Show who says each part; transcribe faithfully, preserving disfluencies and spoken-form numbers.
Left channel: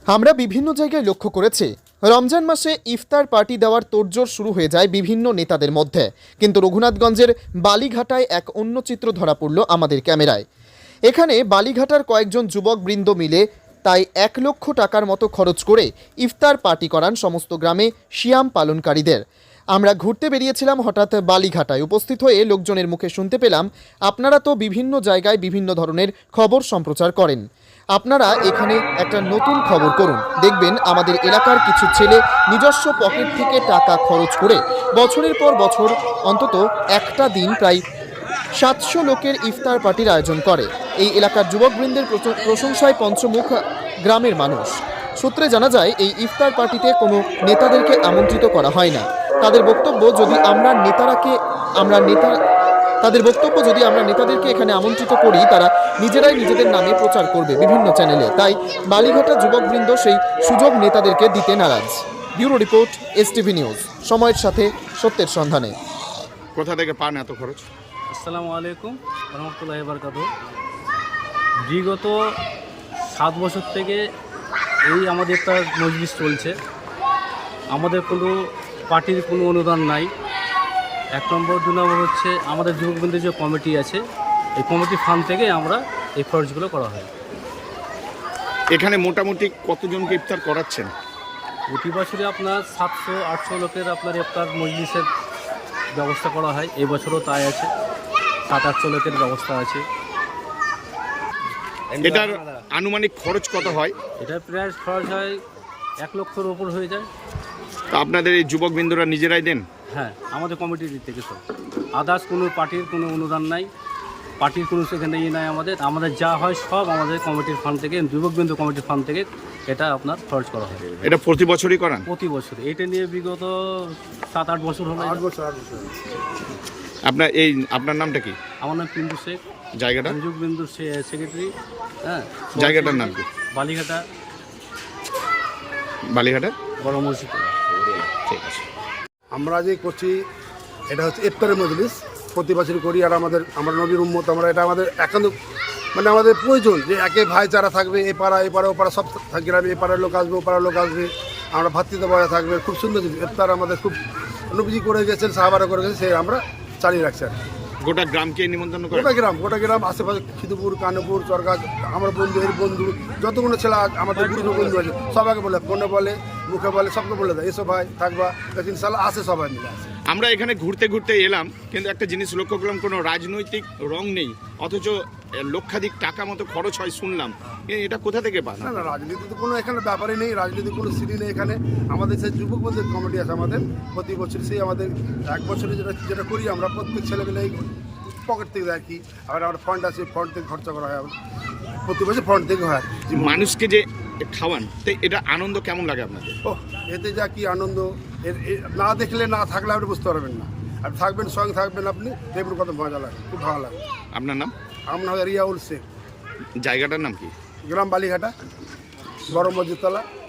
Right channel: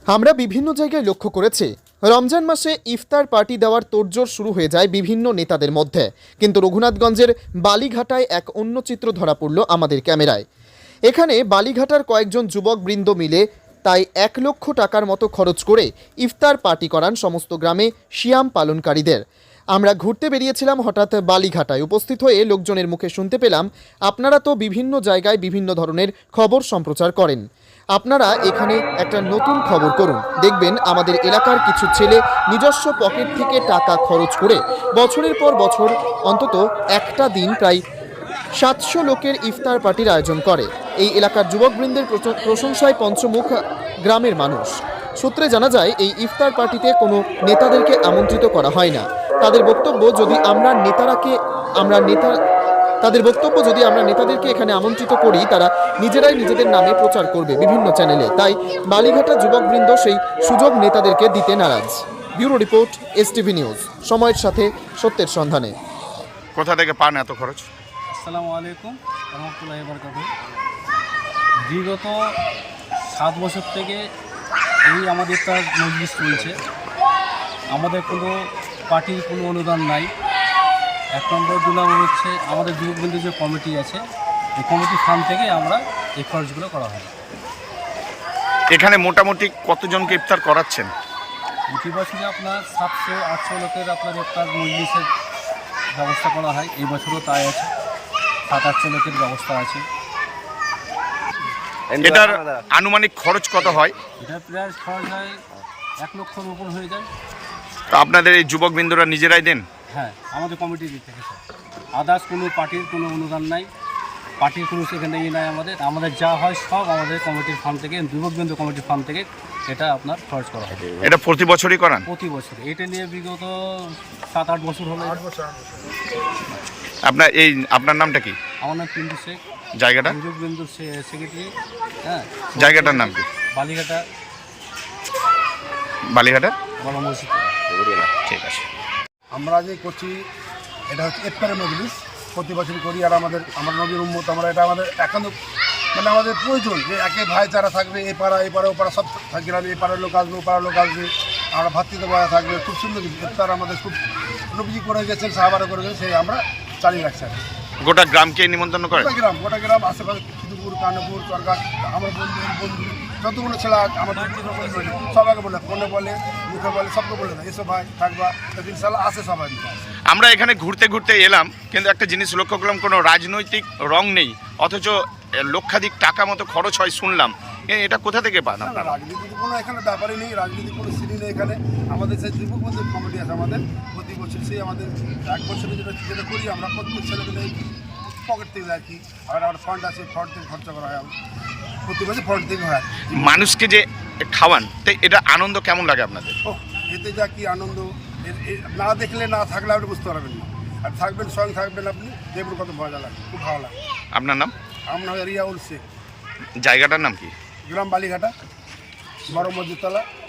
Speaker 1: আমরা বিভিন্ন জায়গায় লক্ষ্য করেছি রমজান মাসে ইফতার পার্টি দেওয়ার তোড়জোড় শুরু হয়ে যায় বিভিন্ন নেতাদের মধ্যে, কিন্তু রঘুনাথগঞ্জের বালিঘাটায় এক অন্য চিত্র ধরা পড়ল আমাদের ক্যামেরায়। এখানে বালিঘাটার কয়েকজন যুবকবৃন্দ মিলে তাই এক লক্ষ টাকার মতো খরচ করে ইফতার পার্টি করান সমস্ত গ্রামে সিয়াম পালনকারীদের। আমরা ঘুরতে বেরিয়েছিলাম, হঠাৎ বালিঘাটায় উপস্থিত হয়ে লোকজনের মুখে শুনতে পেলাম, আপনারা তো বিভিন্ন জায়গায় বিভিন্ন ধরনের খবর সম্প্রচার করেন, আপনারা এখানে একটা নতুন খবর করুন, দেখবেন আমাদের এলাকার কিছু ছেলে নিজস্ব পকেট থেকে টাকা খরচ করে বছরের পর বছর অন্তত একটা দিন প্রায় সাতশো লোকের ইফতার পার্টির আয়োজন করে। এই এলাকার যুবকবৃন্দের প্রশংসায় পঞ্চমুখ গ্রামের মানুষ। সূত্রে জানা যায়, এই ইফতার পার্টিতে কোনো নেতাদেরকে আমন্ত্রিত করা হয় না। তাদের বক্তব্য, যদি আমরা নেতারাকে আমরা নেতা তাদের বক্তব্য যদি আমরা নেতাদেরকে এখানে আমন্ত্রিত করি, তারা নিজেরাই নিজেদের নামে প্রচার করবে বিভিন্ন চ্যানেলে। তাই বালিঘাটা যুবকবৃন্দ সেই সুযোগ নেতাদেরকে দিতে নারাজ। ব্যুরো রিপোর্ট, এসটিভি নিউজ, সময়ের সাথে সত্যের সন্ধানে।
Speaker 2: কোথা থেকে পান এত খরচ?
Speaker 3: আসসালামু আলাইকুম রহমতুল্লাহি বারাকাতুহু। বিগত সাত বছর থেকে এই আমাদের একটা মজলিস চলছে। আমাদের কোনো পার্টির কোনো অনুদান নাই। এক নম্বর। দু নম্বর হচ্ছে আমাদের যুবকবৃন্দের যে কমিটি আছে, এই কমিটি ফান্ড থেকে আমরা এই খরচগুলো করা হয়।
Speaker 2: এখানে মোটামুটি কতজনকে ইফতার করাচ্ছেন?
Speaker 3: প্রতি বছরে আপনার সাতশো আটশো লোকের আপনার ইফতার মজলিসের ব্যবস্থা করা হয়। এই বছরও তাই আছে, সাত আটশো লোকের ব্যবস্থা আছে।
Speaker 2: এটার আনুমানিক খরচ কত হয়?
Speaker 3: এটা প্রায় খরচ হয় এক লক্ষর উপর হয়ে যায়।
Speaker 2: তা আপনাদের এই যুবকবৃন্দরা নিজেরাই দেন?
Speaker 3: হ্যাঁ, আমাদের কমিটির দিক থেকে সব। আদার্স কোনো পার্টির কোনো অনুদান নাই, পার্টির কোনো সেখানে ইয়ে নাই। আমাদের আমাদের যা হয় সব আমাদের কমিটির ফান্ড থেকে, যুবকবৃন্দ কমিটির ফান্ড থেকে এটা আপনার খরচ করা হয়।
Speaker 2: এটা প্রতি বছরই করান?
Speaker 3: প্রতি বছর। এটা নিয়ে বিগত সাত আট বছর হলো।
Speaker 2: আপনার এই আপনার নামটা কি?
Speaker 3: আমার নাম পিন্টু শেখ।
Speaker 2: জায়গাটা?
Speaker 3: যুবকবৃন্দুর সেক্রেটারি। হ্যাঁ।
Speaker 2: জায়গাটার নাম কি?
Speaker 3: বালিঘাটা।
Speaker 2: বালিঘাটা
Speaker 3: বড় মসজিদ।
Speaker 2: ঠিক আছে।
Speaker 4: আমরা যে করছি এটা হচ্ছে ইফতারের মজলিস, প্রতি বছরই করি। আর আমাদের আমরা নবীর উম্মত, আমরা এটা আমাদের একান্ত মানে আমাদের প্রয়োজন যে একে ভাইচারা থাকবে। এই পাড়া এই পাড়া ও পাড়া সব গ্রামে, এই পাড়ার লোক আসবে, ও পাড়ার লোক আসবে, আমরা ভাতৃত্ববোধ থাকবে। খুব সুন্দর কিছু ইফতার আমাদের খুব নবীজি করে গেছেন, সাহাবারা করে গেছেন, সেই আমরা চালিয়ে রাখছি। আর
Speaker 2: গোটা গ্রামকে নিমন্ত্রণ করে?
Speaker 4: গোটা গ্রাম গোটা গ্রাম আশেপাশে খিদুপুর, কানপুর, চরগাছ, আমার বন্ধু এর বন্ধু যতগুলো ছেলে আমাদের পুরনো বন্ধু আছে সবাইকে বলে, ফোনে বলে, মুখে বলে, সবকে বলে দেয় এসো ভাই থাকবা। ইনশাল্লাহ আসে সবাই মিলে আসে।
Speaker 2: আমরা এখানে ঘুরতে ঘুরতে এলাম, কিন্তু একটা জিনিস লক্ষ্য করলাম, কোনো রাজনৈতিক রং নেই, অথচ লক্ষাধিক টাকা মতো খরচ হয় শুনলাম। এটা কোথা থেকে পান?
Speaker 4: না না, রাজনীতি তো কোনো এখানে ব্যাপারই নেই, রাজনীতি কোনো সিঁড়ি নেই এখানে। আমাদের সেই যুবক বন্ধুর কমিটি আছে আমাদের, প্রতি বছর সেই আমাদের এক বছরে যেটা যেটা করি আমরা প্রত্যেক ছেলেগুলো পকেট থেকে রাখি। আবার আমার ফান্ড আছে, ফান্ড থেকে খরচা করা হয়, প্রতি বছর ফান্ড থেকে হয়।
Speaker 2: মানুষকে যে খাওয়ান, তাই এটা আনন্দ কেমন লাগে আপনাদের?
Speaker 4: ও এতে যা কি আনন্দ, না দেখলে না থাকলে আপনি বুঝতে পারবেন না। আর থাকবেন, সঙ্গে থাকবেন আপনি, দেখবেন কত মজা লাগে, খুব ভালো লাগে।
Speaker 2: আপনার নাম?
Speaker 4: আমার নাম রিয়াউল শেখ।
Speaker 2: জায়গাটার নাম কি?
Speaker 4: গ্রাম বালিঘাটা, বড় মসজিদতলা।